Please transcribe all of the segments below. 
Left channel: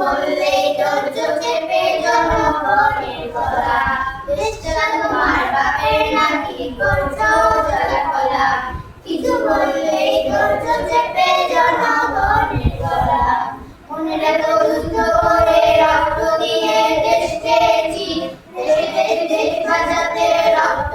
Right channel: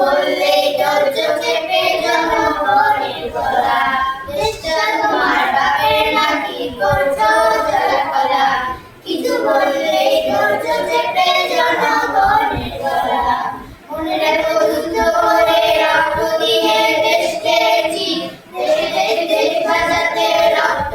বললে ধৈর্য চেপে জনগণের গলা দেশটা তোমার বাপের নাকি করছ জলাকলা কিছু বললে ধৈর্য চেপে জনগণের গলা মনে রাখো রক্ত দিয়ে দেশকে দেশ বাঁচাতে রক্ত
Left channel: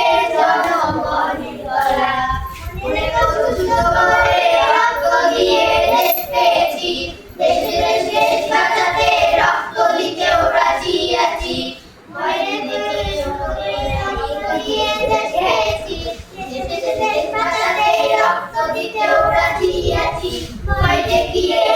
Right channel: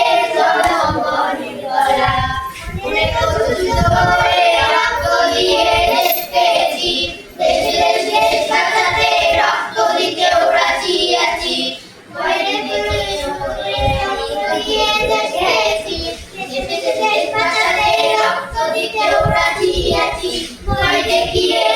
Porque que que